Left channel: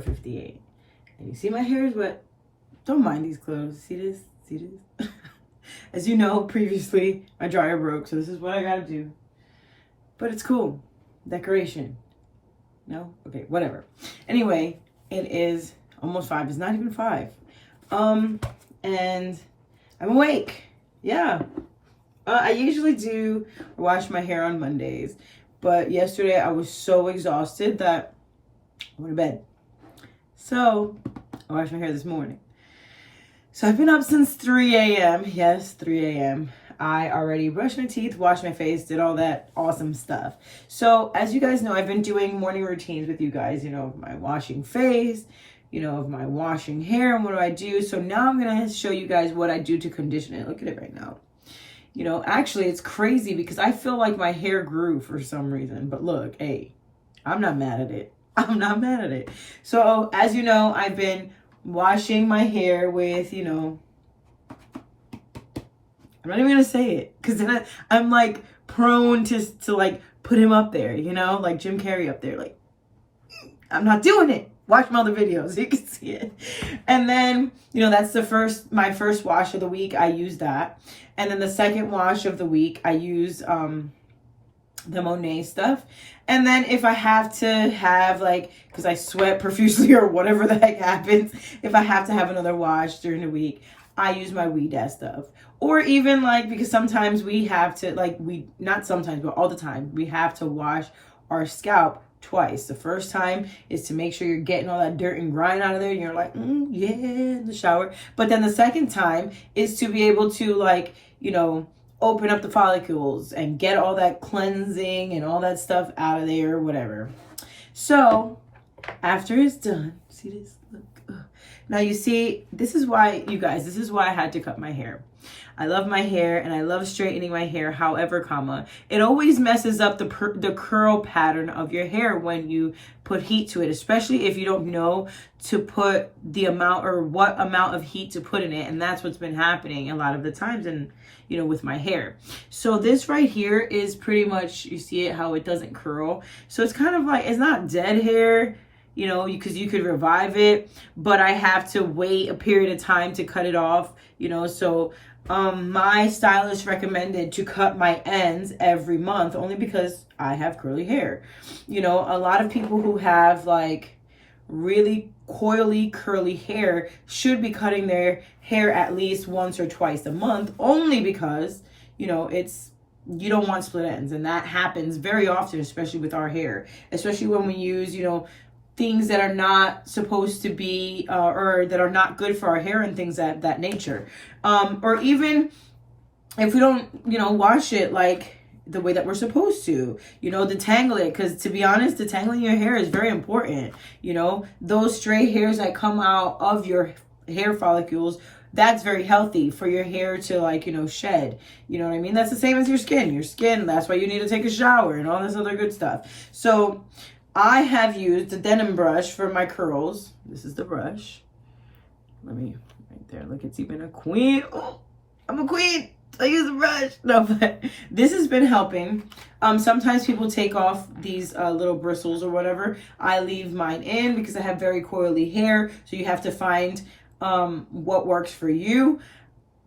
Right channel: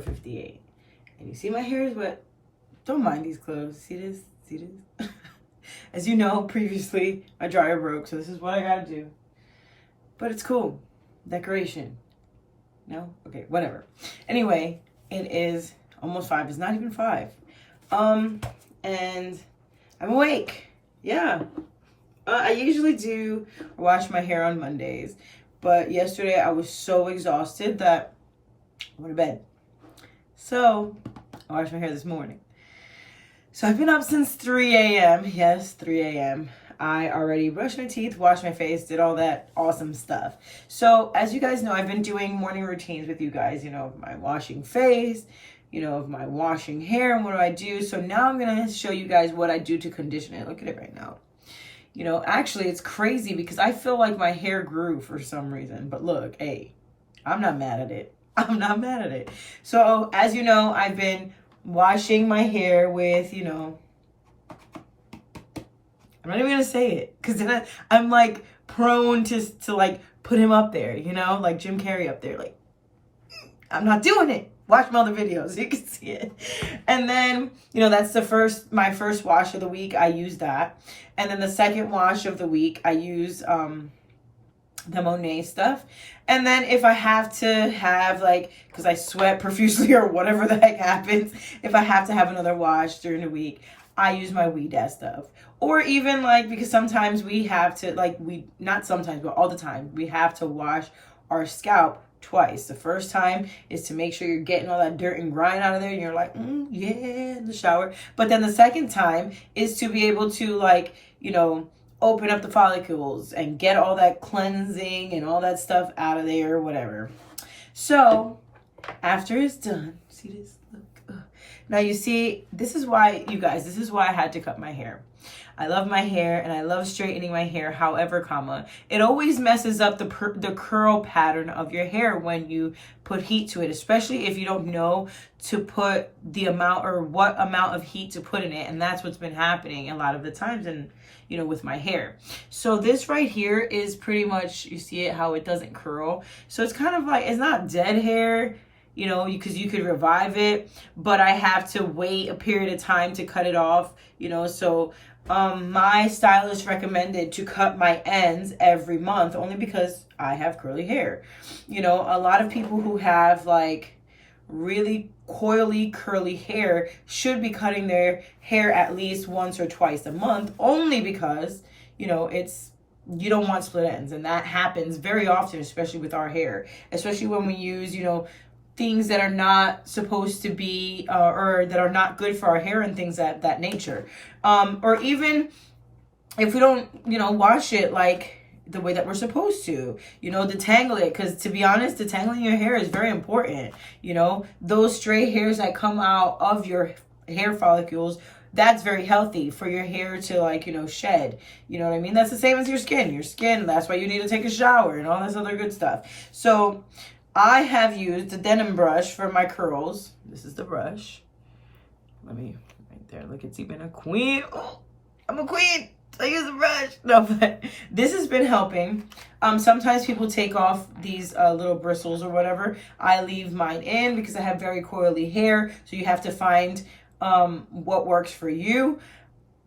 4:58. And you see my hair is wet. Don't mind these clothes. See this? See this? As you know, previously, my dryer broke, so this is what I gotta do. But it's cool. Decoration. No? Okay, whatever. Anyway, it is almost 5. It's not even 5. And I'm awake. Yeah. I usually do wash my hair on Mondays. But yesterday I was so exhausted that I went to bed. So I washed my hair this morning. So I've been up since 3 a.m. Yes, 3 a.m. I already brushed my teeth, washed my face, did all that awesome stuff. So as you guys know, I've been doing morning routines with you guys, you know, of my washing face, you know, of my washing hair, and what do I do? So now I'm going to show you guys what I do to condition it. Look at it right now. You know, actually it's crazy because I feel like my hair grew for some reason. But look, hey, I'm not mad at it. I'm not mad at it. So as you know, I've been washing my hair with, you know, I'm not even gonna say it because then I'm like prone to like put him up there, you know, like Jim Carrey up there. Like, I'm not doing it. Watch my other videos, you can see it. And then, you know, that's my first wash of the week. I use that. And then the second wash of the week, I use the Monet stuff. And then if I have to have like, because I sweat profusely or whatever the heck happens, if I have to have another wash during the week, I use my Weed stuff. Or even like, because sometimes we have to like, not sometimes, but all the time, we have to wash our scalp twice. The first time is to make sure you're getting all that dirt and grime out of there. And you're like, yeah, in the shower. But then the second time is to be able to like, you know, open up the follicles and get all that cleansing and all that stuff out of there, whatever. So after it's done, see this? Look. Now you see, this is why, you guys, this is why I had to cut my hair. I love my hair and I love straightening my hair. However, it always messes up the curl pattern of your hair when you put heat to it, especially if you don't know to put the amount or what amount of heat to put in it. And that's what's been happening a lot of the times, and you know, with my hair. So this right here is pretty much, you see it, how it doesn't curl. So it's kind of like, it's not dead hair, you know, because you could revive it, but I have to wait a period of time to cut it off, you know. So my stylist recommended to cut my ends every month only because I have curly hair. You know, a lot of people who have like really coily curly hair should be cutting their hair at least once or twice a month, only because, you know, you don't want split ends, and that happens very often, especially with our hair, especially when we use, you know, things that are not supposed to be or that are not good for our hair and things that nature, or even if we don't, you know, wash it like the way that we're supposed to, you know, detangle it, because to be honest, detangling your hair is very important. You know, those stray hairs that come out of your hair follicles, that's very healthy for your hair to like, you know, shed. You know what I mean? That's the same as your skin, that's why you need to take a shower and all this other good stuff. So I have used the denim brush for my curls. This is the brush. Let me, right there. Look, it's even a queen. Oh, I'm a queen. I use a brush. No, but this has been helping. Sometimes people take off these little bristles or whatever. I leave mine in because I have very coily hair. So you have to find what works for you.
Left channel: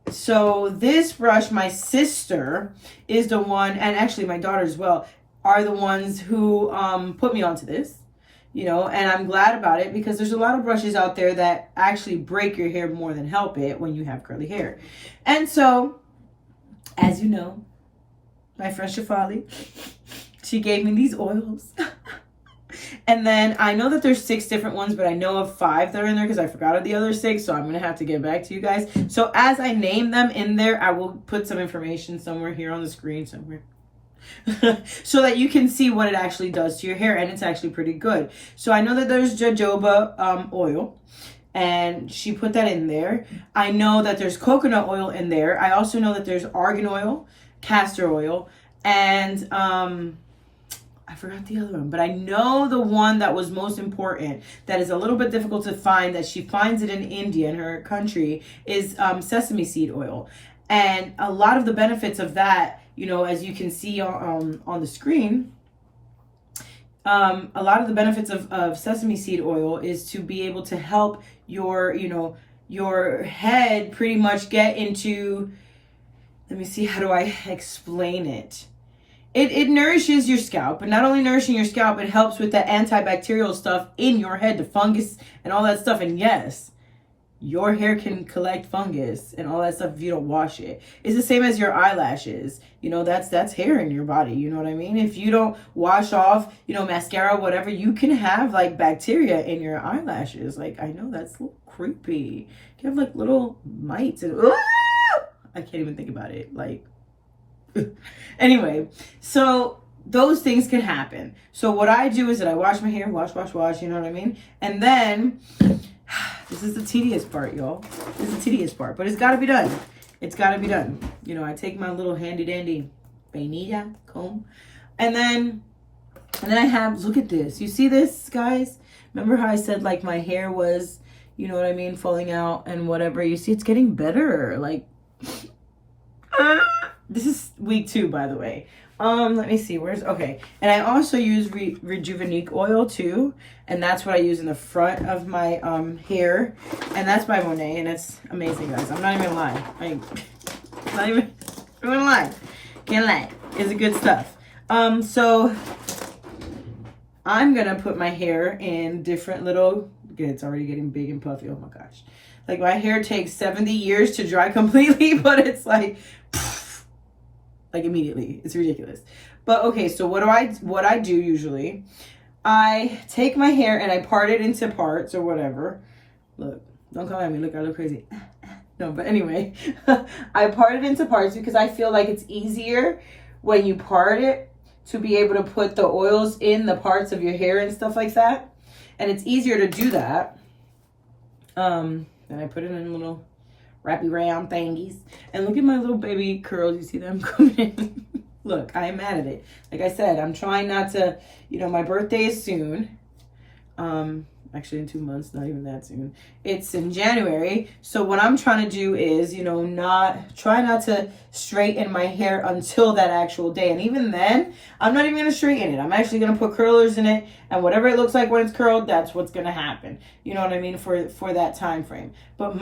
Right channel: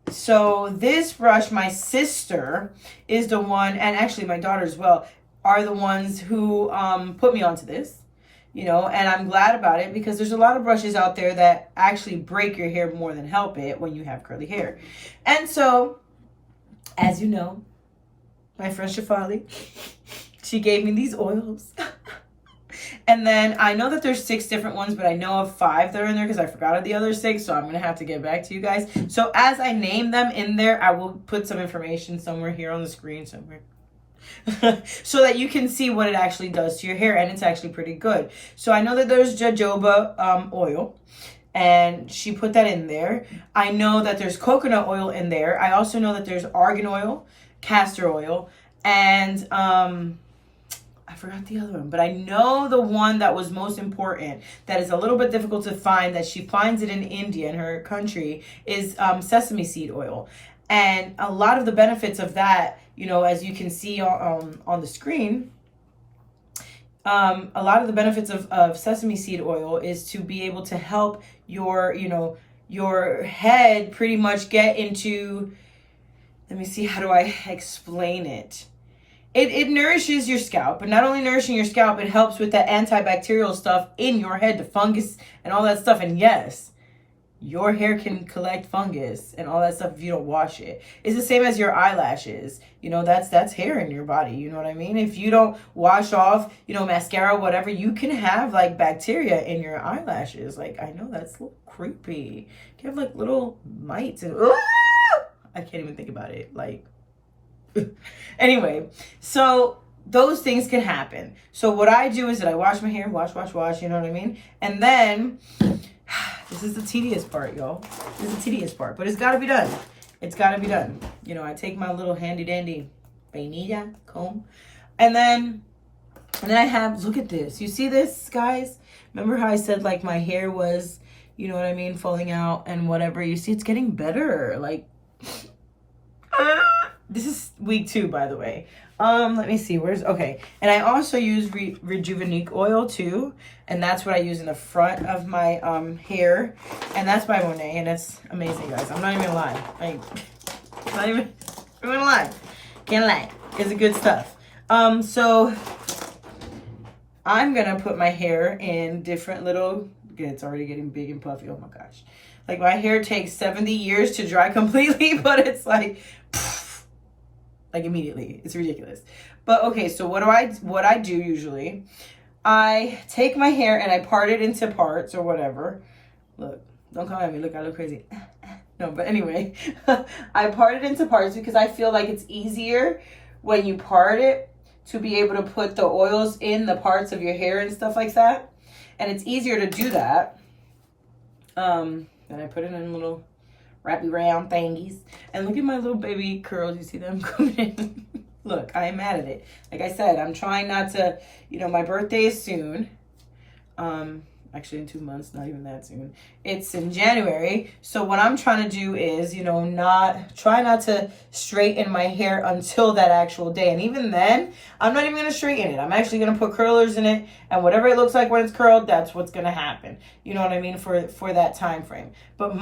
So this brush, my sister is the one, and actually my daughter as well, are the ones who put me onto this, you know, and I'm glad about it because there's a lot of brushes out there that actually break your hair more than help it when you have curly hair. And so, as you know, my friend Shafali, she gave me these oils. And then I know that there's 6 different ones, but I know of 5 that are in there because I forgot of the other 6. So I'm going to have to get back to you guys. So as I name them in there, I will put some information somewhere here on the screen somewhere. So that you can see what it actually does to your hair, and it's actually pretty good. So I know that there's jojoba oil, and she put that in there. I know that there's coconut oil in there. I also know that there's argan oil, castor oil, and I forgot the other one, but I know the one that was most important, that is a little bit difficult to find, that she finds it in India, in her country, is sesame seed oil. And a lot of the benefits of that, you know, as you can see on the screen, a lot of the benefits of sesame seed oil is to be able to help your, your head pretty much get into, let me see, how do I explain it? It nourishes your scalp, but not only nourishing your scalp, it helps with that antibacterial stuff in your head, the fungus and all that stuff. And yes, your hair can collect fungus and all that stuff if you don't wash it. It's the same as your eyelashes. That's hair in your body. You know what I mean? If you don't wash off, mascara, whatever, you can have like bacteria in your eyelashes. Like, I know that's a little creepy. You have like little mites and I can't even think about it. Like, anyway, so those things can happen. So what I do is that I wash my hair, wash, you know what I mean? And then, this is the tedious part, y'all. This is the tedious part, but it's got to be done. It's got to be done. I take my little handy dandy vainilla comb, and then I have, look at this. You see this, guys? Remember how I said like my hair was, you know what I mean, falling out and whatever. You see, it's getting better. Like, this is week 2, by the way. Let me see, okay. And I also use Rejuvenique oil too. And that's what I use in the front of my hair. And that's by Monet, and it's amazing, guys. I'm not even gonna lie. I'm not even gonna lie. Can't lie. It's good stuff. So I'm gonna put my hair in different little, it's already getting big and puffy. Oh my gosh. Like, my hair takes 70 years to dry completely, but it's like immediately. It's ridiculous. But okay, so what I do usually, I take my hair and I part it into parts or whatever. Look, don't come at me. Look, I look crazy. No, but anyway, I part it into parts because I feel like it's easier when you part it to be able to put the oils in the parts of your hair and stuff like that. And it's easier to do that. And I put it in little wrappy round thingies. And look at my little baby curls. You see them coming in? Look, I am mad at it. Like I said, I'm trying not to, my birthday is soon. Actually in 2 months, not even that soon. It's in January. So what I'm trying to do is, try not to straighten my hair until that actual day. And even then, I'm not even going to straighten it. I'm actually going to put curlers in it. And whatever it looks like when it's curled, that's what's going to happen. You know what I mean? For that time frame. But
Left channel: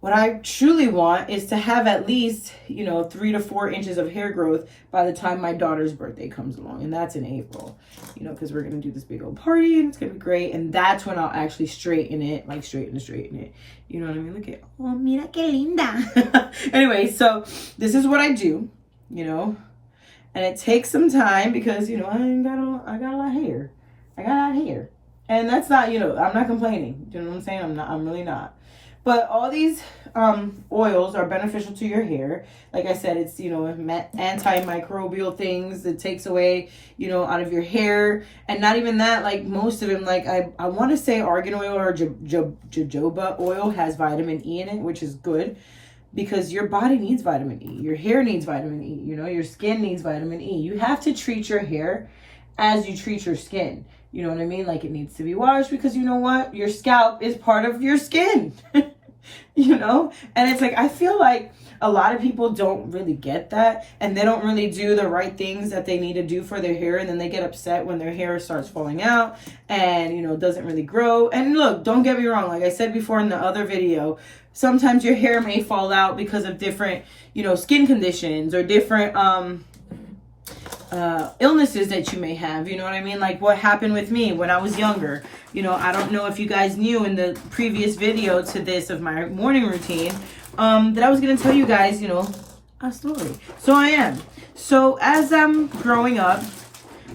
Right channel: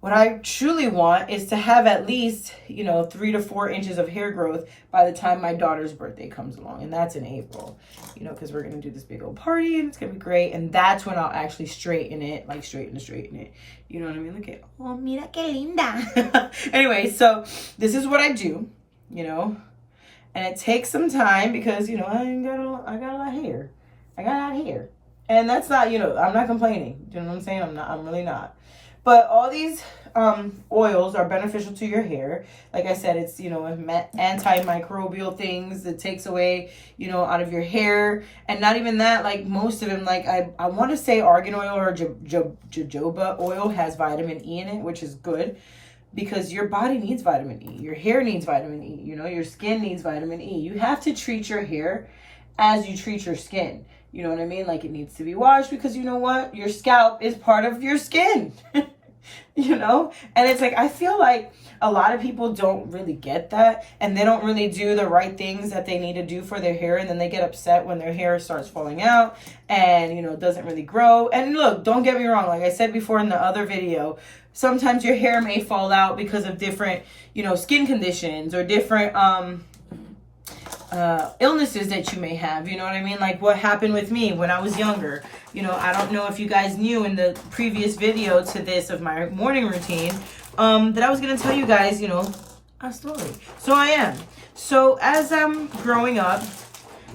what I truly want is to have at least, 3 to 4 inches of hair growth by the time my daughter's birthday comes along. And that's in April, because we're going to do this big old party and it's going to be great. And that's when I'll actually straighten it, like straighten it. You know what I mean? Look at, oh, mira que linda. Anyway, so this is what I do, and it takes some time because, I got a lot of hair. I got a lot of hair. And that's not, I'm not complaining. You know what I'm saying? I'm really not. But all these oils are beneficial to your hair. Like I said, it's, antimicrobial things. It takes away, out of your hair. And not even that, like most of them, like I want to say argan oil or jojoba oil has vitamin E in it, which is good because your body needs vitamin E. Your hair needs vitamin E. Your skin needs vitamin E. You have to treat your hair as you treat your skin. You know what I mean? Like, it needs to be washed because you know what? Your scalp is part of your skin. And it's like, I feel like a lot of people don't really get that, and they don't really do the right things that they need to do for their hair, and then they get upset when their hair starts falling out and, doesn't really grow. And look, don't get me wrong. Like I said before in the other video, sometimes your hair may fall out because of different, skin conditions or different, illnesses that you may have, you know what I mean? Like what happened with me when I was younger. I don't know if you guys knew in the previous video to this of my morning routine, that I was going to tell you guys, a story. So I am. So as I'm growing up,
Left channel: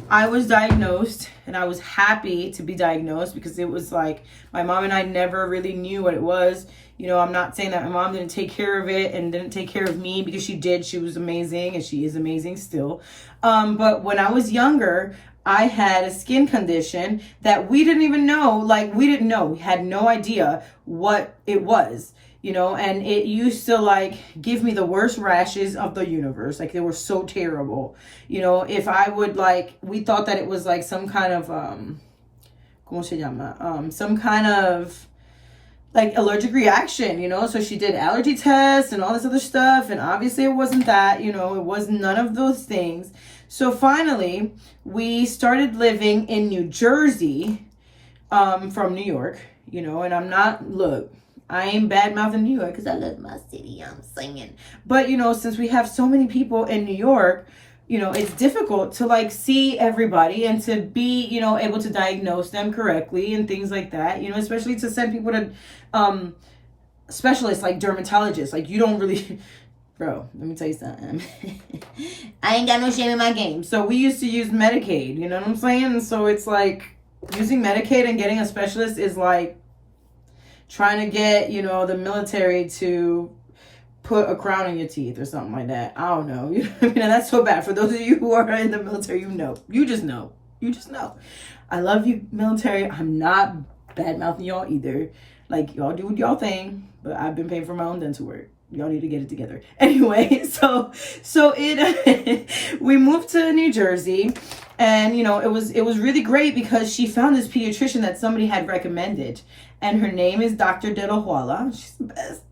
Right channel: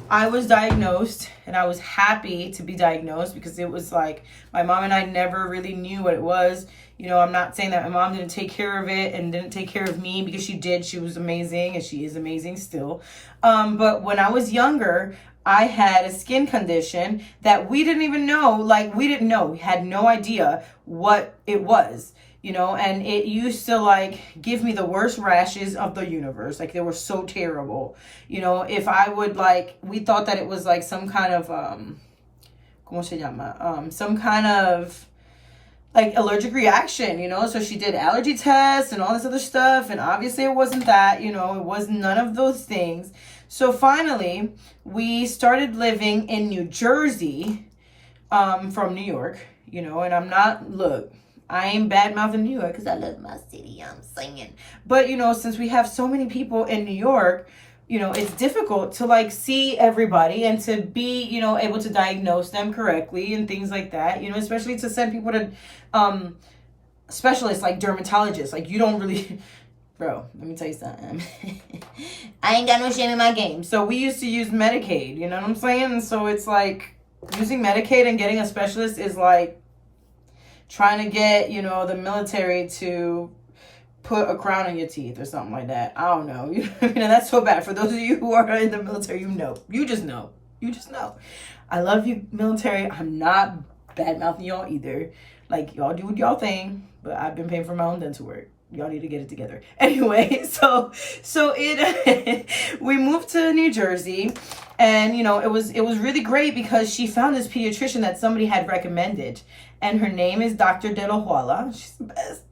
I was diagnosed, and I was happy to be diagnosed because it was like my mom and I never really knew what it was. I'm not saying that my mom didn't take care of it and didn't take care of me, because she did. She was amazing, and she is amazing still. But when I was younger, I had a skin condition that we didn't even know. Like, we didn't know. We had no idea what it was, and it used to like give me the worst rashes of the universe. Like, they were so terrible. If I would we thought that it was like some kind of, ¿cómo se llama? Some kind of like allergic reaction, you know? So she did allergy tests and all this other stuff. And obviously it wasn't that, you know, it was none of those things. So finally we started living in New Jersey, from New York, you know, and I'm not, look, I ain't bad mouthing New York because I love my city, I'm singing. But, you know, since we have so many people in New York, you know, it's difficult to like see everybody and to be, you know, able to diagnose them correctly and things like that, you know, especially to send people to specialists like dermatologists. Like, you don't really, bro, let me tell you something. I ain't got no shame in my game. So we used to use Medicaid, you know what I'm saying? And so it's like using Medicaid and getting a specialist is like trying to get, you know, the military to put a crown on your teeth or something like that. I don't know. You know, that's so bad. For those of you who are in the military, you know. You just know. You just know. I love you, military. I'm not bad-mouthing y'all either. Like, y'all do y'all thing, but I've been paying for my own dental work. Y'all need to get it together. Anyway, so we moved to New Jersey, and you know, it was really great because she found this pediatrician that somebody had recommended, and her name is Dr. De La Huala. She's the best.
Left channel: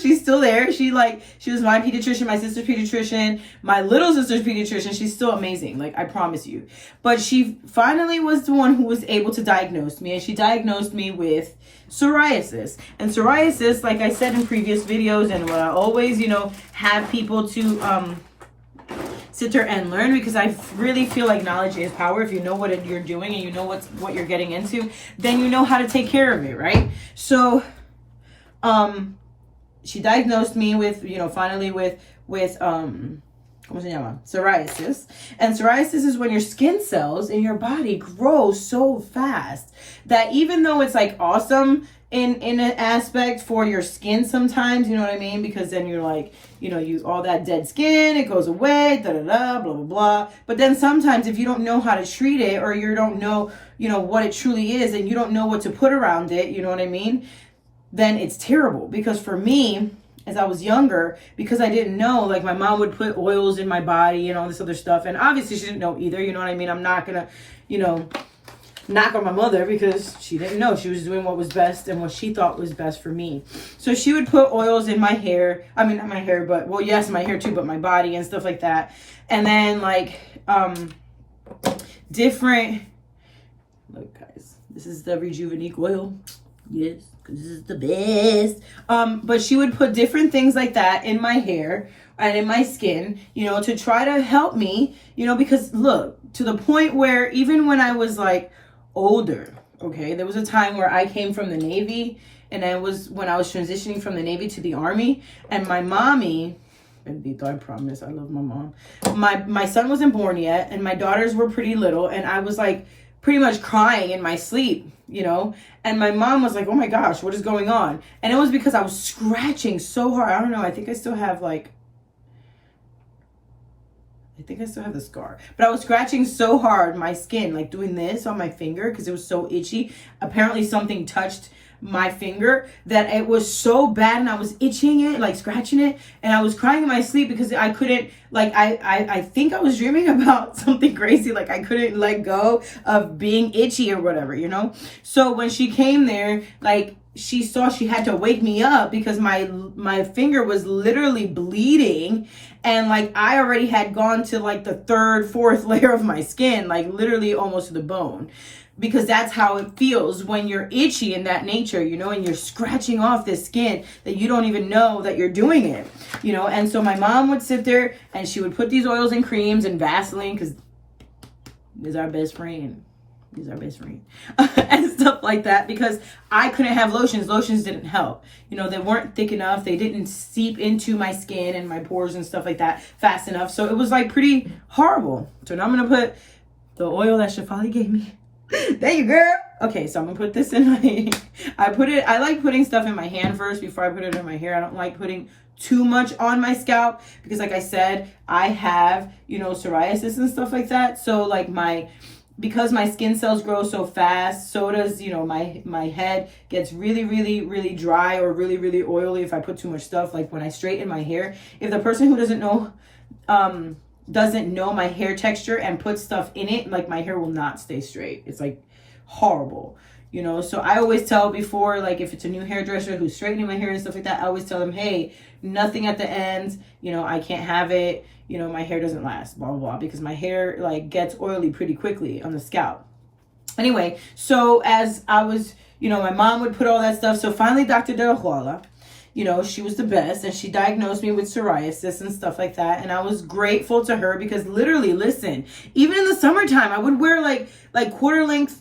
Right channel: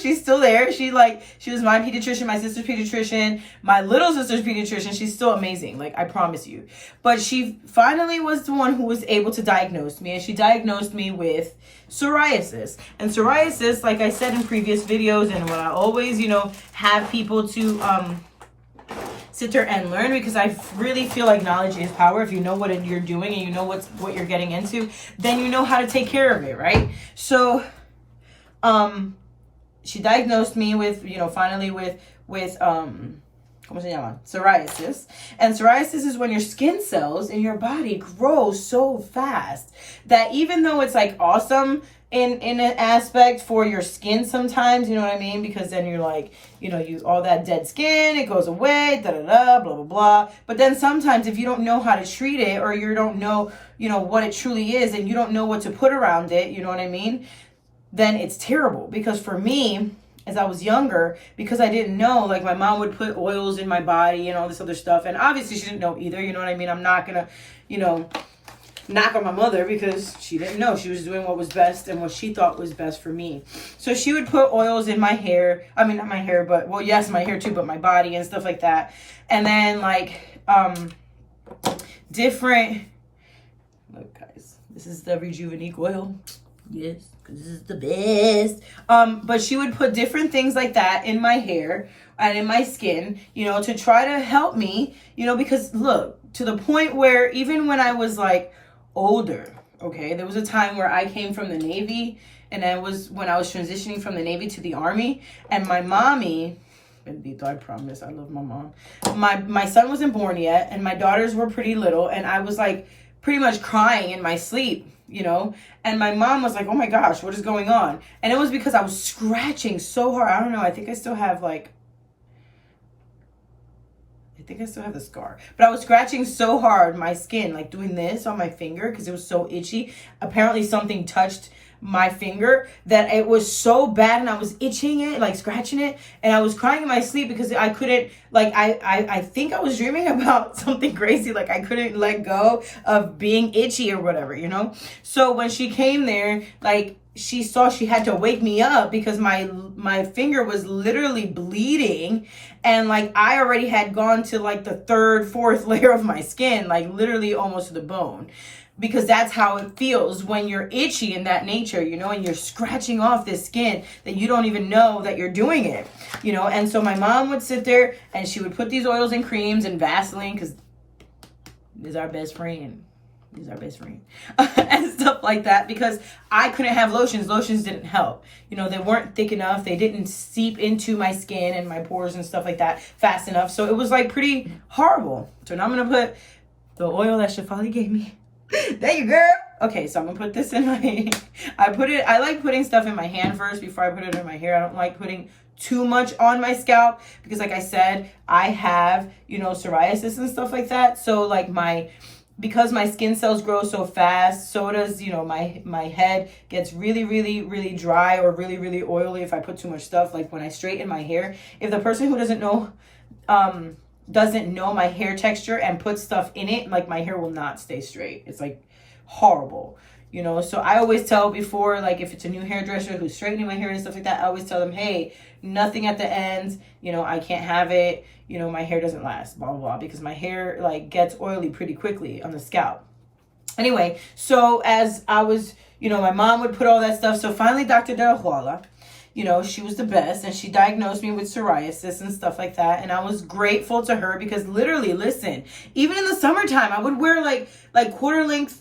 She's still there. She was my pediatrician, my sister's pediatrician, my little sister's pediatrician. She's still amazing, like, I promise you. But she finally was the one who was able to diagnose me, and she diagnosed me with psoriasis. And psoriasis, like I said in previous videos, and what I always, you know, have people to sit there and learn, because I really feel like knowledge is power. If you know what you're doing and you know what you're getting into, then you know how to take care of it, right? So she diagnosed me with, you know, finally with ¿cómo se llama? Psoriasis. And psoriasis is when your skin cells in your body grow so fast that even though it's like awesome in an aspect for your skin sometimes, you know what I mean? Because then you're like, you know, all that dead skin, it goes away, blah, blah, blah. But then sometimes if you don't know how to treat it, or you don't know, you know, what it truly is, and you don't know what to put around it, you know what I mean? Then it's terrible. Because for me, as I was younger, because I didn't know, like, my mom would put oils in my body and all this other stuff. And obviously she didn't know either, you know what I mean? I'm not gonna, you know, knock on my mother, because she didn't know. She was doing what was best and what she thought was best for me. So she would put oils in my hair. I mean, not my hair, but, well, yes, my hair too, but my body and stuff like that. And then, like, different, look, guys, this is the Rejuvenique oil. Yes, because this is the best. But she would put different things like that in my hair and in my skin, you know, to try to help me, you know, because look, to the point where even when I was like older, okay, there was a time where I came from the Navy, and I was when I was transitioning from the Navy to the Army, and my mommy, bendito, I promise, I love my mom. My son wasn't born yet, and my daughters were pretty little, and I was like pretty much crying in my sleep, you know, and my mom was like, oh my gosh, what is going on? And it was because I was scratching so hard. I don't know, I think I still have the scar, but I was scratching so hard my skin, like doing this on my finger because it was so itchy. Apparently something touched my finger that it was so bad, and I was itching it, like scratching it, and I was crying in my sleep because I couldn't, like, I think I was dreaming about something crazy, like I couldn't let go of being itchy or whatever, you know? So when she came there, like, she saw she had to wake me up because my finger was literally bleeding, and like I already had gone to like the third, fourth layer of my skin, like literally almost to the bone. Because that's how it feels when you're itchy in that nature, you know, and you're scratching off this skin that you don't even know that you're doing it, you know. And so my mom would sit there and she would put these oils and creams and Vaseline, because is our best friend. He's our best friend. And stuff like that, because I couldn't have lotions. Lotions didn't help. You know, they weren't thick enough. They didn't seep into my skin and my pores and stuff like that fast enough. So it was like pretty horrible. So now I'm going to put the oil that Shefali gave me. There you go. Okay, so I'm gonna put this in my I like putting stuff in my hand first before I put it in my hair. I don't like putting too much on my scalp because, like I said, I have, you know, psoriasis and stuff like that. So like because my skin cells grow so fast, so does, you know, my head gets really, really, really dry or really, really oily if I put too much stuff. Like when I straighten my hair, if the person who doesn't know my hair texture and put stuff in it, like my hair will not stay straight. It's like horrible, you know. So I always tell before, like if it's a new hairdresser who's straightening my hair and stuff like that, I always tell them, hey, nothing at the ends, you know, I can't have it, you know, my hair doesn't last, blah, blah, blah, because my hair like gets oily pretty quickly on the scalp. Anyway, so as I was, you know, my mom would put all that stuff. So finally, Dr. De La Huala, you know, she was the best, and she diagnosed me with psoriasis and stuff like that. And I was grateful to her because literally, listen, even in the summertime, I would wear like quarter length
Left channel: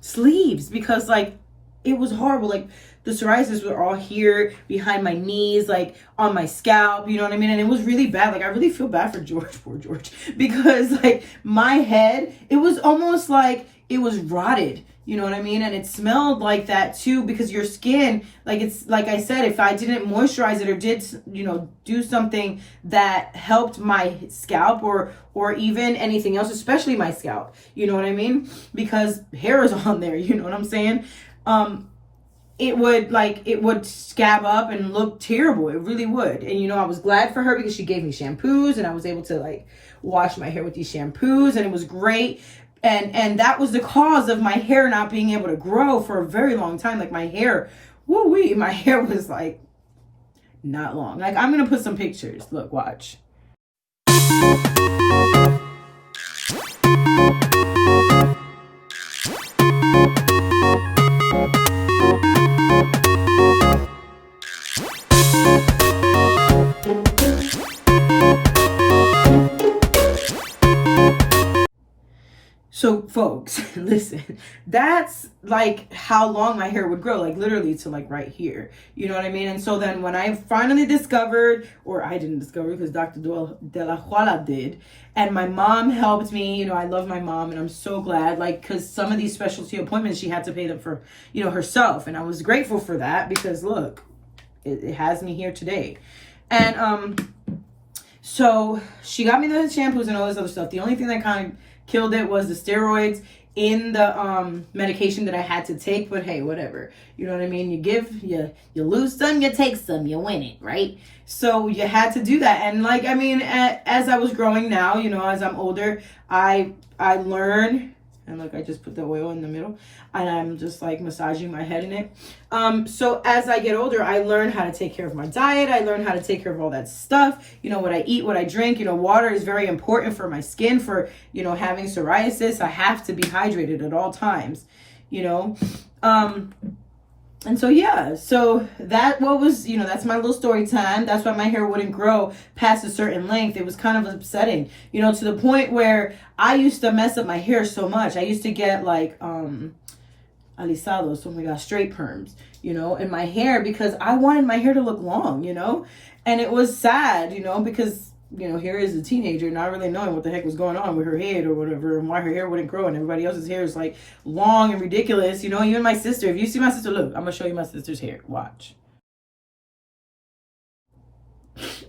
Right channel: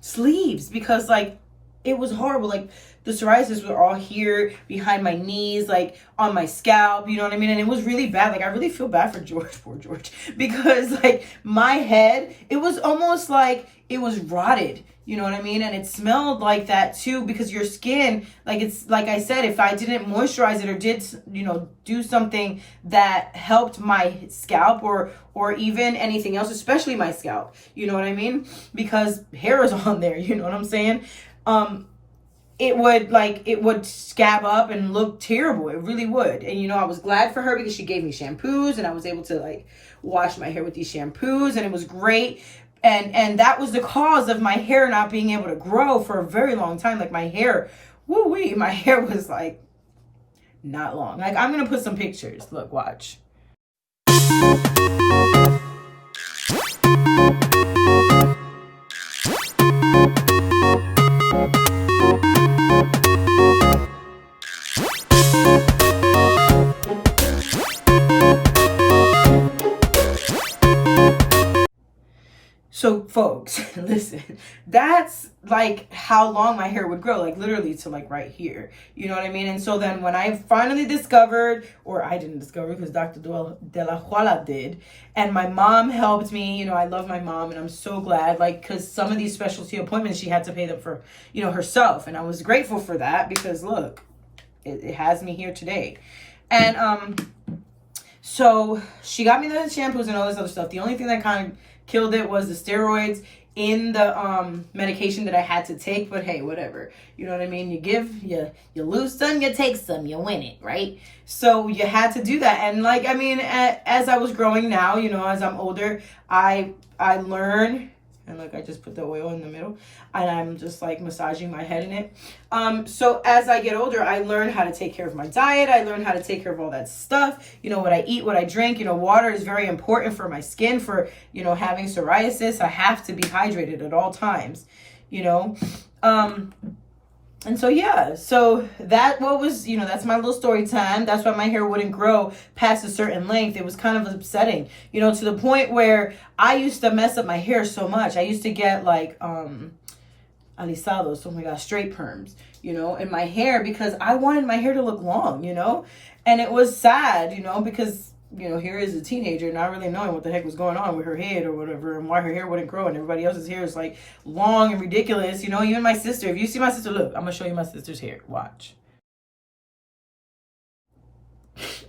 sleeves because like it was horrible. Like the psoriasis were all here behind my knees, like on my scalp, you know what I mean? And it was really bad. Like I really feel bad for George, poor George, because like my head, it was almost like it was rotted, you know what I mean? And it smelled like that too, because your skin, like it's, like I said, if I didn't moisturize it or did, you know, do something that helped my scalp or even anything else, especially my scalp, you know what I mean? Because hair is on there, you know what I'm saying? It would scab up and look terrible. It really would. And, you know, I was glad for her because she gave me shampoos and I was able to like wash my hair with these shampoos, and it was great. And that was the cause of my hair not being able to grow for a very long time. Like my hair, woo-wee, my hair was like not long. Like I'm going to put some pictures. Look, watch. So folks, listen, that's like how long my hair would grow, like literally to like right here, you know what I mean? And so then when I finally discovered, or I didn't discover because Dr. De La Huala did, and my mom helped me, you know, I love my mom and I'm so glad, like, because some of these specialty appointments, she had to pay them for, you know, herself. And I was grateful for that because look, it has me here today. And so she got me the shampoos and all this other stuff. The only thing that kind of killed it was the steroids in the medication that I had to take. But hey, whatever, you know what I mean? You give, you lose some, you take some, you win it, right? So you had to do that. And like, I mean, as I was growing now, you know, as I'm older, I learned, and look, I just put the oil in the middle and I'm just like massaging my head in it. So as I get older, I learned how to take care of my diet. I learned how to take care of all that stuff. You know, what I eat, what I drink, you know, water is very important for my skin, for, you know, having psoriasis. I have to be hydrated at all times, you know. And so, yeah, so that was, you know, that's my little story time. That's why my hair wouldn't grow past a certain length. It was kind of upsetting, you know, to the point where I used to mess up my hair so much. I used to get like, alisados, oh my gosh, straight perms, you know, in my hair because I wanted my hair to look long, you know, and it was sad, you know, because, you know, here is a teenager not really knowing what the heck was going on with her head or whatever and why her hair wouldn't grow and everybody else's hair is like long and ridiculous, you know. Even my sister, if you see my sister, look, I'm gonna show you my sister's hair, watch.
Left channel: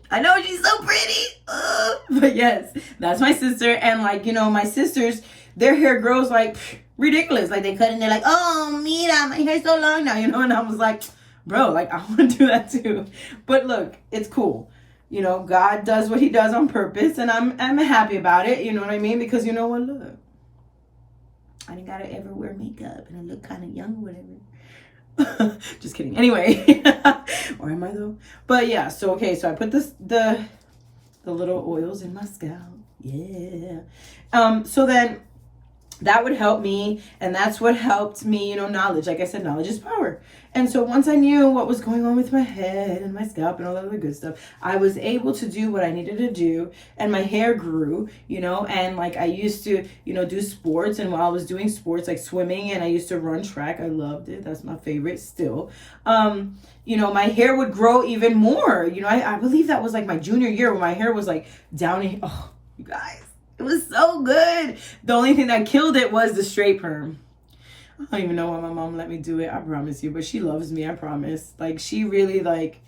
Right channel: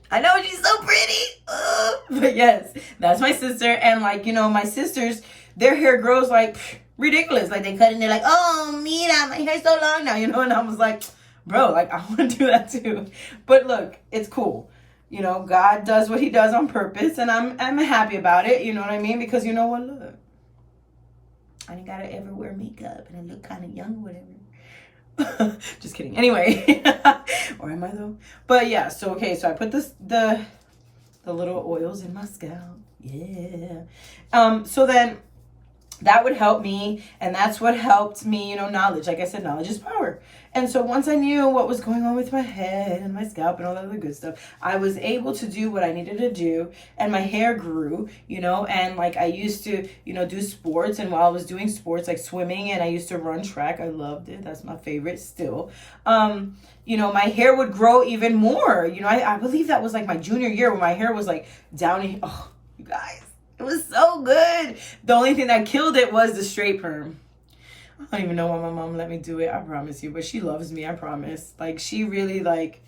I know she's so pretty, but yes, that's my sister. And like, you know, my sisters, their hair grows like ridiculous. Like they cut and they're like, oh, mira, my hair's so long now, you know. And I was like, bro, like I want to do that too. But look, it's cool. You know, God does what he does on purpose, and I'm happy about it. You know what I mean? Because you know what? Look, I didn't gotta ever wear makeup, and I look kind of young, whatever. Just kidding. Anyway, or am I though? But yeah. So okay. So I put the little oils in my scalp. Yeah. So then that would help me, and that's what helped me. You know, knowledge. Like I said, knowledge is power. And so once I knew what was going on with my head and my scalp and all that other good stuff, I was able to do what I needed to do, and my hair grew, you know. And like I used to, you know, do sports, and while I was doing sports like swimming, and I used to run track, I loved it. That's my favorite still. You know, my hair would grow even more. You know, I believe that was like my junior year when my hair was like down in, oh, you guys, it was so good. The only thing that killed it was the straight perm. I don't even know why my mom let me do it, I promise you, but she loves me, I promise. Like, she really, like,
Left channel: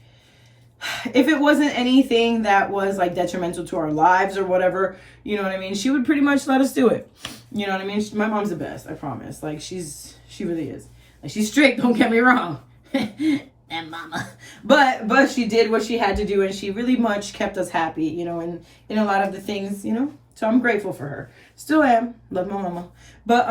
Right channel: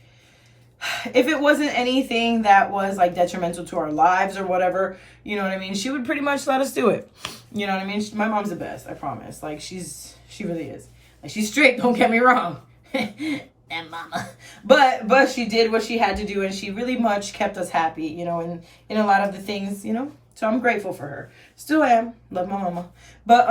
if it wasn't anything that was, like, detrimental to our lives or whatever, you know what I mean, she would pretty much let us do it. You know what I mean? My mom's the best, I promise. Like, she really is. Like, she's strict, don't get me wrong. And mama. But she did what she had to do, and she really much kept us happy, you know, and in a lot of the things, you know. So I'm grateful for her. Still am. Love my mama. But,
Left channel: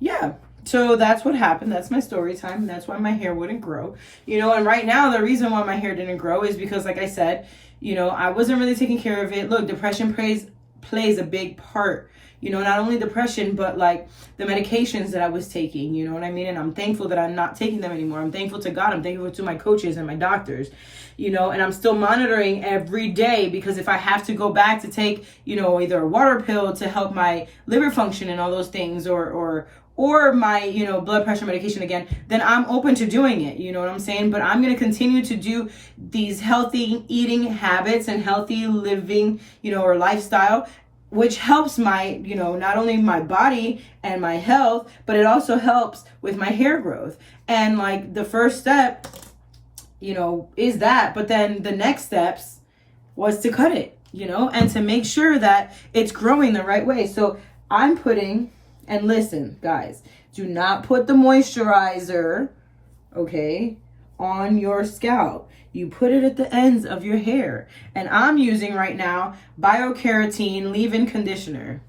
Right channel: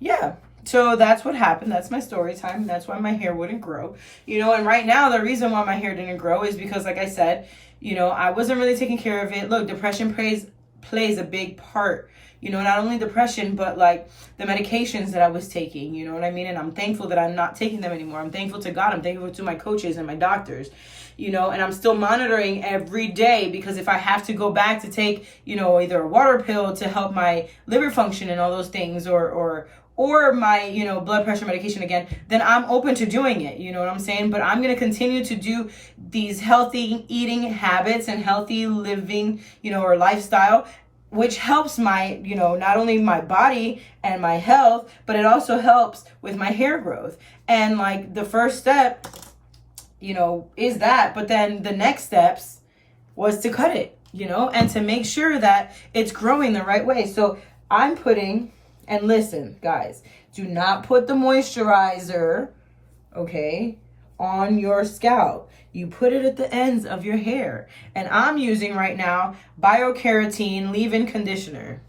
yeah. So that's what happened. That's my story time. That's why my hair wouldn't grow. You know, and right now the reason why my hair didn't grow is because, like I said, you know, I wasn't really taking care of it. Look, depression plays a big part. You know, not only depression, but like the medications that I was taking, you know what I mean? And I'm thankful that I'm not taking them anymore. I'm thankful to God. I'm thankful to my coaches and my doctors, you know, and I'm still monitoring every day, because if I have to go back to take, you know, either a water pill to help my liver function and all those things, or my, you know, blood pressure medication again, then I'm open to doing it. You know what I'm saying? But I'm going to continue to do these healthy eating habits and healthy living, you know, or lifestyle, which helps my, you know, not only my body and my health, but it also helps with my hair growth. And like the first step, you know, is that, but then the next steps was to cut it, you know, and to make sure that it's growing the right way. So I'm putting, and listen, guys, do not put the moisturizer, okay, on your scalp. You put it at the ends of your hair. And I'm using right now Biocarotene leave-in conditioner.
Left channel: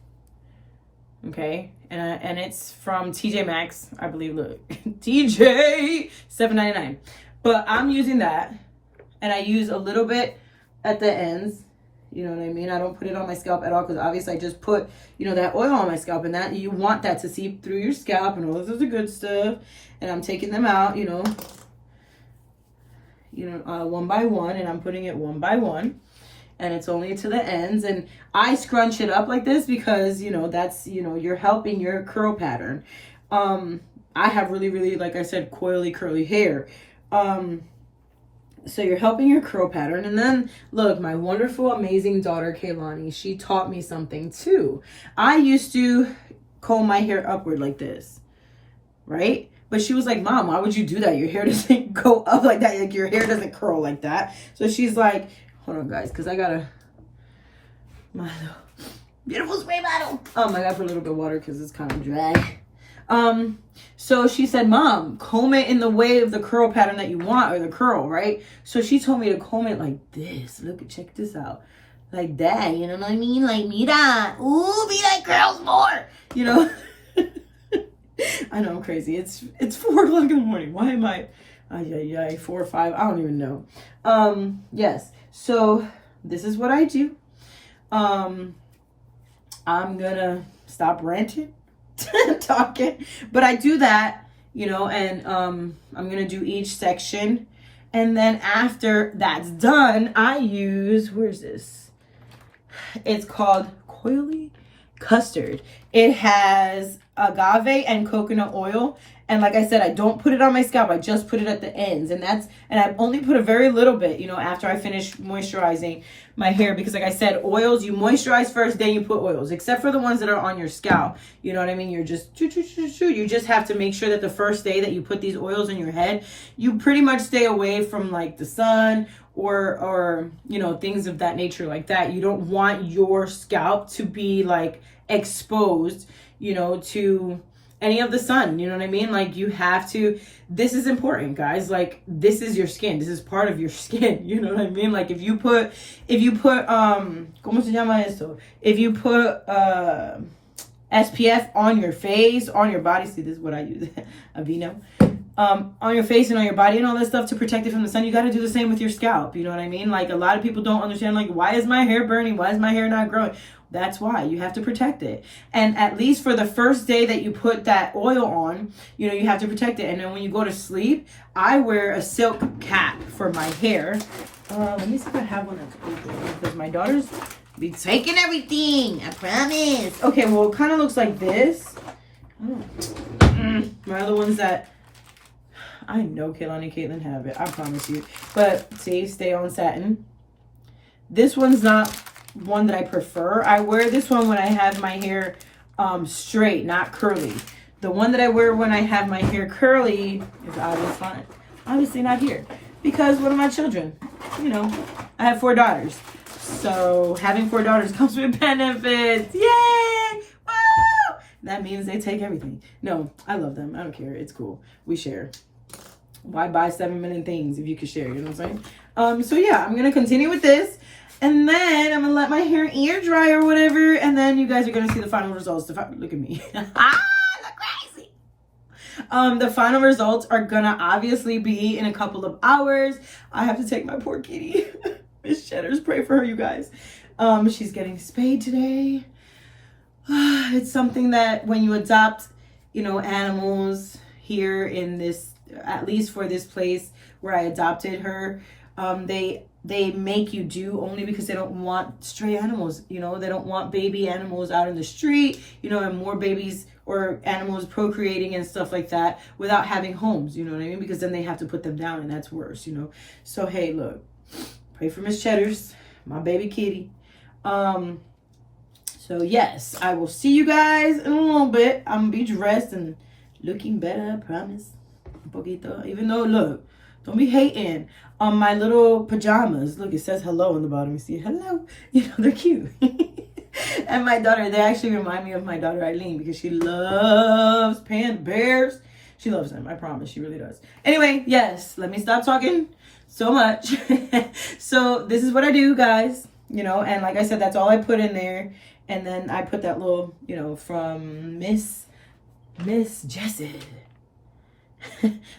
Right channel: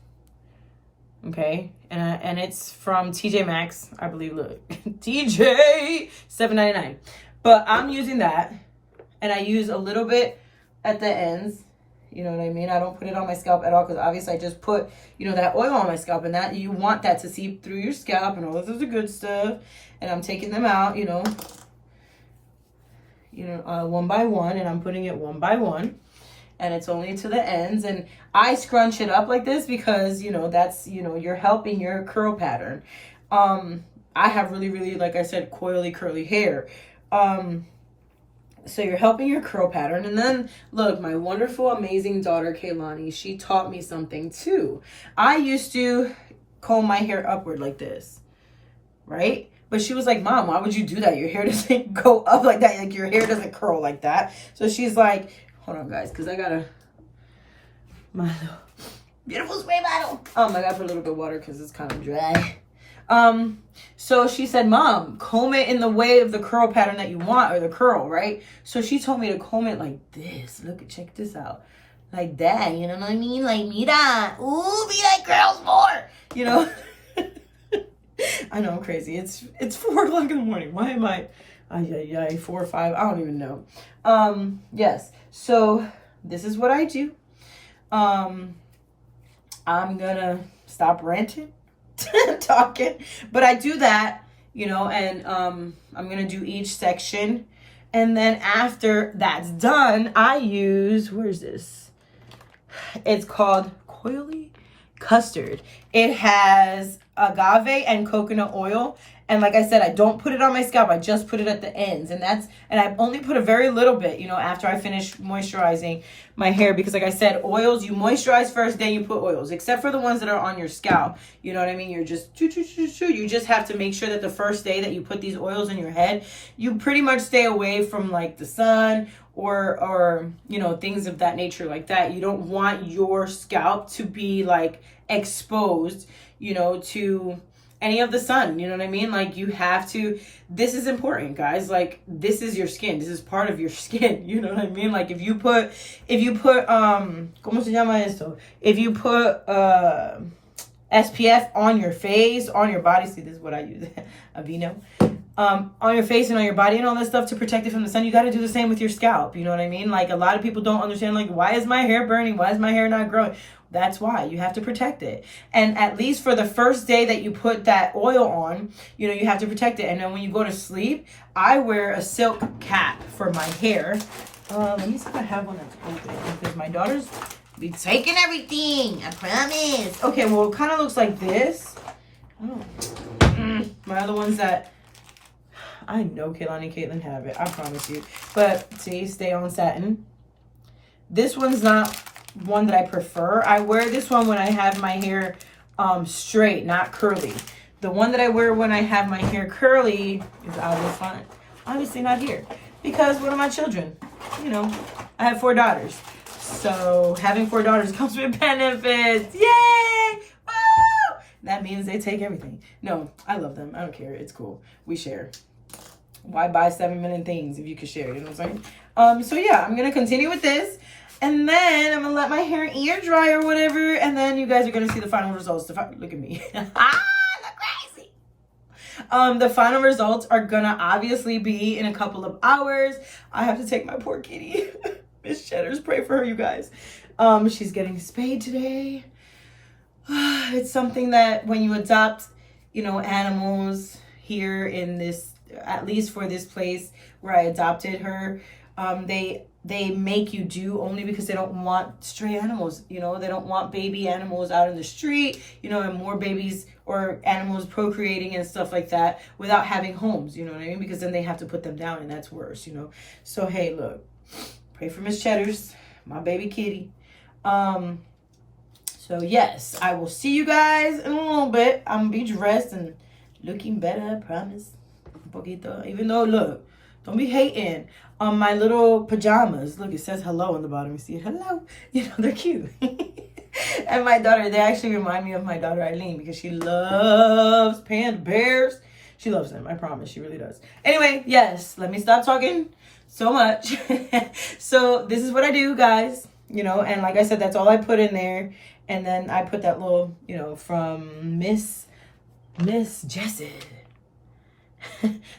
Okay? And it's from TJ Maxx, I believe. Look, TJ, $7.99. But I'm using that. And I use a little bit at the ends. You know what I mean? I don't put it on my scalp at all, because obviously I just put, you know, that oil on my scalp, and that you want that to seep through your scalp and all this other good stuff. And I'm taking them out, you know, one by one, and I'm putting it one by one, and it's only to the ends. And I scrunch it up like this because, you know, that's, you know, you're helping your curl pattern. I have really, really, like I said, coily, curly hair. So you're helping your curl pattern. And then look, my wonderful, amazing daughter, Kaylani, she taught me something too. I used to comb my hair upward like this, right? But she was like, Mom, why would you do that? Your hair doesn't go up like that. Like, your hair doesn't curl like that. So she's like, hold on, guys, because I got my beautiful spray bottle. I got to put a little bit of water because it's kind of dry. So she said, Mom, comb it in the way of the curl pattern that you want, or the curl, right? So she told me to comb it like this. Look, check this out. Like that, you know what I mean? Like, mira. Ooh, be like girls more. You know? I know, I'm crazy. It's 4 o'clock in the morning. Why am I? 4 or 5. I don't even know. Yes. So this is what I do. I'm gonna stop ranting, talking, but I do that, you know, and I'm gonna do each section, and then after that's done, I use, where's this? It's called Coily Custard. It has agave and coconut oil. And like I said, I don't put it on my scalp. I just put it at the ends. And I only put a very little bit, you know, after I finish moisturizing my hair. Because like I said, oils, you moisturize first, then you put oils. Except for the ones that are on your scalp. You know what I mean? You're just, you just have to make sure that the first day that you put these oils in your head, you pretty much stay away from like the sun or you know, things of that nature like that. You don't want your scalp to be like exposed, you know, to any of the sun, you know what I mean? Like, you have to, this is important, guys. Like, this is your skin. This is part of your skin, you know what I mean? Like, if you put, ¿cómo se llama esto? If you put, SPF on your face, on your body, see, this is what I use, Aveeno, on your face and on your body and all that stuff to protect it from the sun, you got to do the same with your scalp, you know what I mean? Like, a lot of people don't understand, like, why is my hair burning? Why is my hair not growing? That's why you have to protect it. And at least for the first day that you put that oil on, you know, you have to protect it. And then when you go to sleep, I wear a silk cap for my hair. Let me see if I have one that's open, because my daughters be taking everything, I promise. Okay, well, it kind of looks like this. My other ones that I know Kaylani and Caitlin have it, I promise you. But see, stay on satin. This one's not one that I prefer. I wear this one when I have my hair straight, not curly. The one that I wear when I have my hair curly is obviously not here, because one of my children, you know, I have 4 daughters. So having 4 daughters comes with benefits. Yay! Woo! That means they take everything. No, I love them. I don't care. It's cool. We share. Why buy 7 million things if you could share? You know what I'm saying? So yeah, I'm gonna continue with this. And then I'm going to let my hair air dry or whatever. And then you guys are going to see the final results. Look at me. Look crazy. The final results are gonna obviously be in a couple of hours. I have to take my poor kitty. Miss Cheddar's, pray for her, you guys. She's getting spayed today. It's something that when you adopt, you know, animals here in this, at least for this place where I adopted her, they make you do only because they don't want stray animals, you know, they don't want baby animals out in the street, you know, and more babies or animals procreating and stuff like that without having homes, you know what I mean? Because then they have to put them down and that's worse, you know? So, hey, look, pray for Miss Cheddar's, my baby kitty. So yes, I will see you guys in a little bit. I'm gonna be dressed and looking better, I promise. Un poquito. Even though, look, don't be hating on my little pajamas. Look, it says hello on the bottom. You see it? Hello. You know, they're cute. And my daughter, they actually remind me of my daughter Irene because she loves panda bears. She loves them, I promise. She really does. Anyway, yes, let me stop talking so much. So this is what I do, guys. You know, and like I said, that's all I put in there. And then I put that little, you know, from Miss Jessie.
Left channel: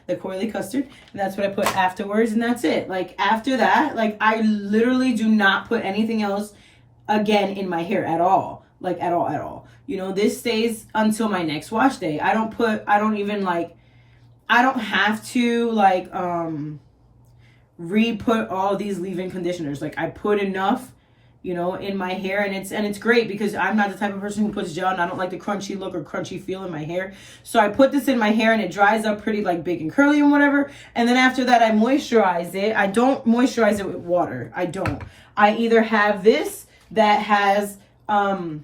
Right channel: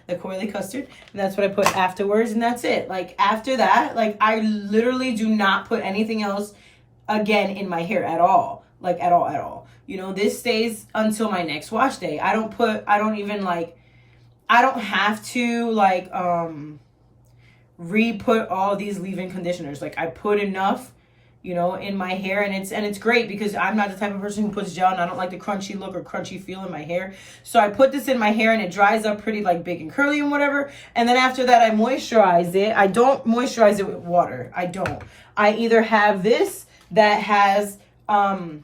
The Coily custard, and that's what I put afterwards, and that's it. Like after that, like I literally do not put anything else again in my hair at all, like at all. You know, this stays until my next wash day. I don't have to like re-put all these leave-in conditioners. Like I put enough, you know, in my hair, and it's great because I'm not the type of person who puts gel, and I don't like the crunchy look or crunchy feel in my hair. So I put this in my hair and it dries up pretty like big and curly and whatever. And then after that, I moisturize it. I don't moisturize it with water. I don't. I either have this that has the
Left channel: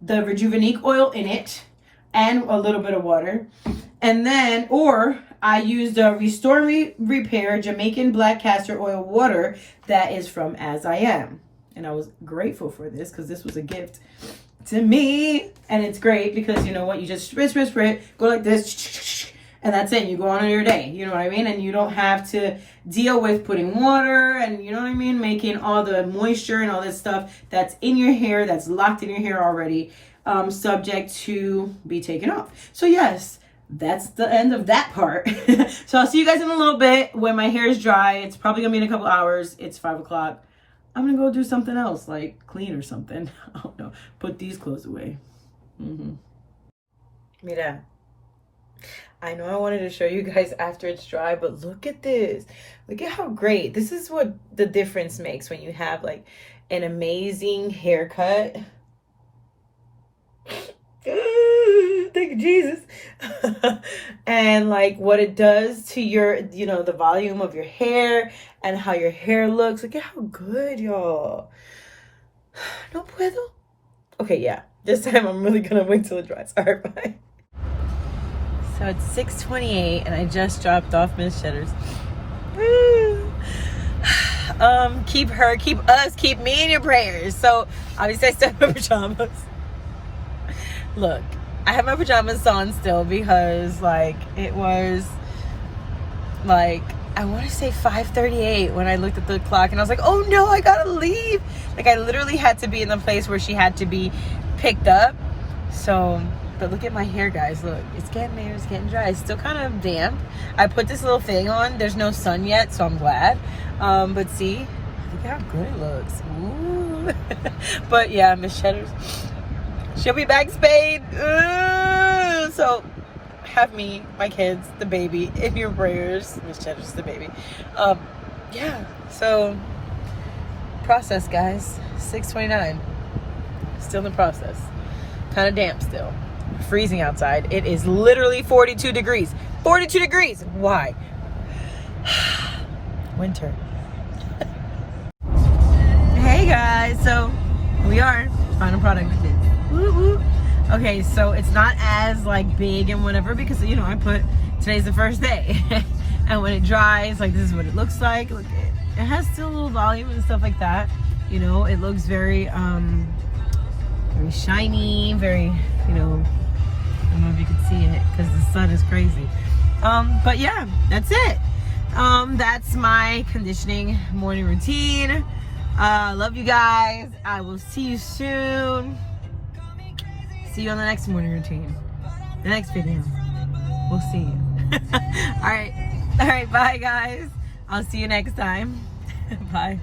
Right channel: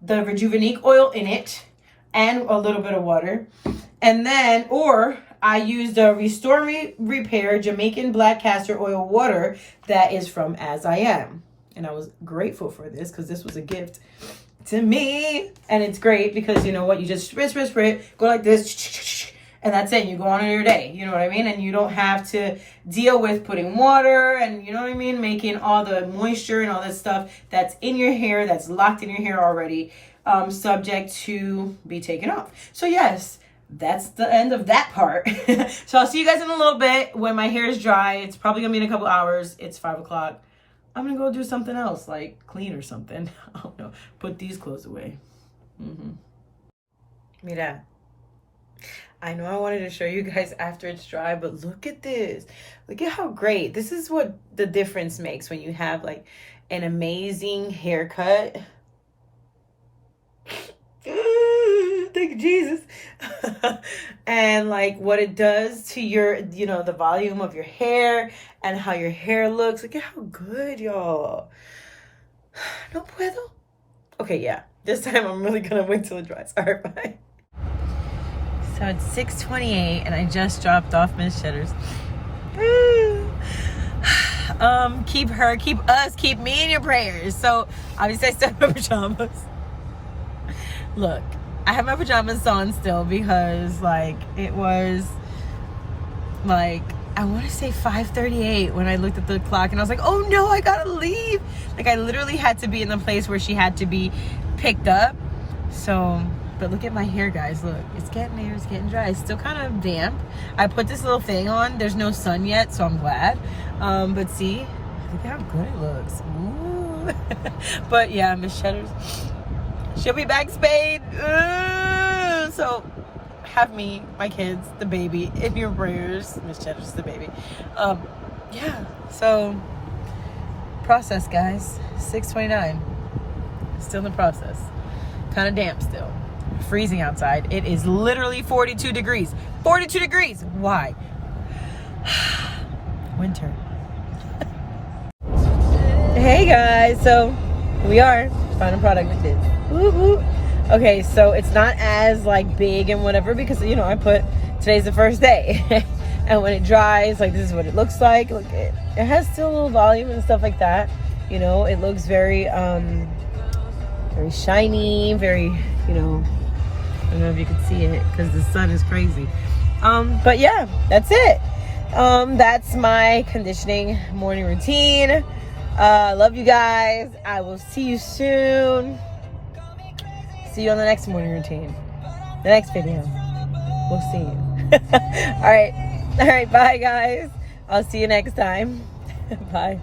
Rejuvenique oil in it and a little bit of water. And then, or I use the Restore Repair Jamaican Black Castor Oil water that is from As I Am. And I was grateful for this because this was a gift to me. And it's great because, you know what, you just spray, go like this, and that's it. You go on your day, you know what I mean? And you don't have to deal with putting water and, you know what I mean, making all the moisture and all this stuff that's in your hair, that's locked in your hair already, subject to be taken off. So yes, that's the end of that part. So I'll see you guys in a little bit when my hair is dry. It's probably gonna be in a couple hours. It's 5 o'clock. I'm gonna go do something else, like clean or something. I don't know. Put these clothes away. Mira, I know I wanted to show you guys after it's dry, but look at this. Look at how great. This is what the difference makes when you have like an amazing haircut. Thank you, Jesus. And like what it does to your, you know, the volume of your hair and how your hair looks. Look at how good, y'all. No puedo. Okay, yeah. This time I'm really gonna wait till it dries. All right, bye. So it's 6:28 and I just dropped off Miss Cheddar's. Keep me in your prayers. So obviously I still have my pajamas. Look, I have my pajamas on still because like it was like, I want to say 5:38 when I looked at the clock and I was like, oh no, I gotta leave. Like I literally had to be in the place where she had to be picked up. So, but look at my hair, guys. Look, it's getting there, it's getting dry. It's still kind of damp. I put this little thing on. There's no sun yet, so I'm glad. But see, look at how good it looks. Ooh. But yeah, Miss Cheddar's, she'll be back spayed. Ooh. So have me, my kids, the baby in your prayers. Miss Cheddar's the baby. Yeah, so process, guys. 6:29. Still in the process. Kind of damp still. Freezing outside. It is literally 42 degrees. 42 degrees. Why? Winter. Hey guys, so we are final product we did. Woo woo. Okay, so it's not as like big and whatever because, you know, I put today's the first day. And when it dries, like this is what it looks like. Look, it has still a little volume and stuff like that. You know, it looks very very shiny, very, you know, I don't know if you can see it because the sun is crazy. But yeah, that's it. That's my conditioning morning routine. Love you guys. I will see you soon. See you on the next morning routine, the next video. We'll see you. All right. Bye, guys. I'll see you next time. Bye.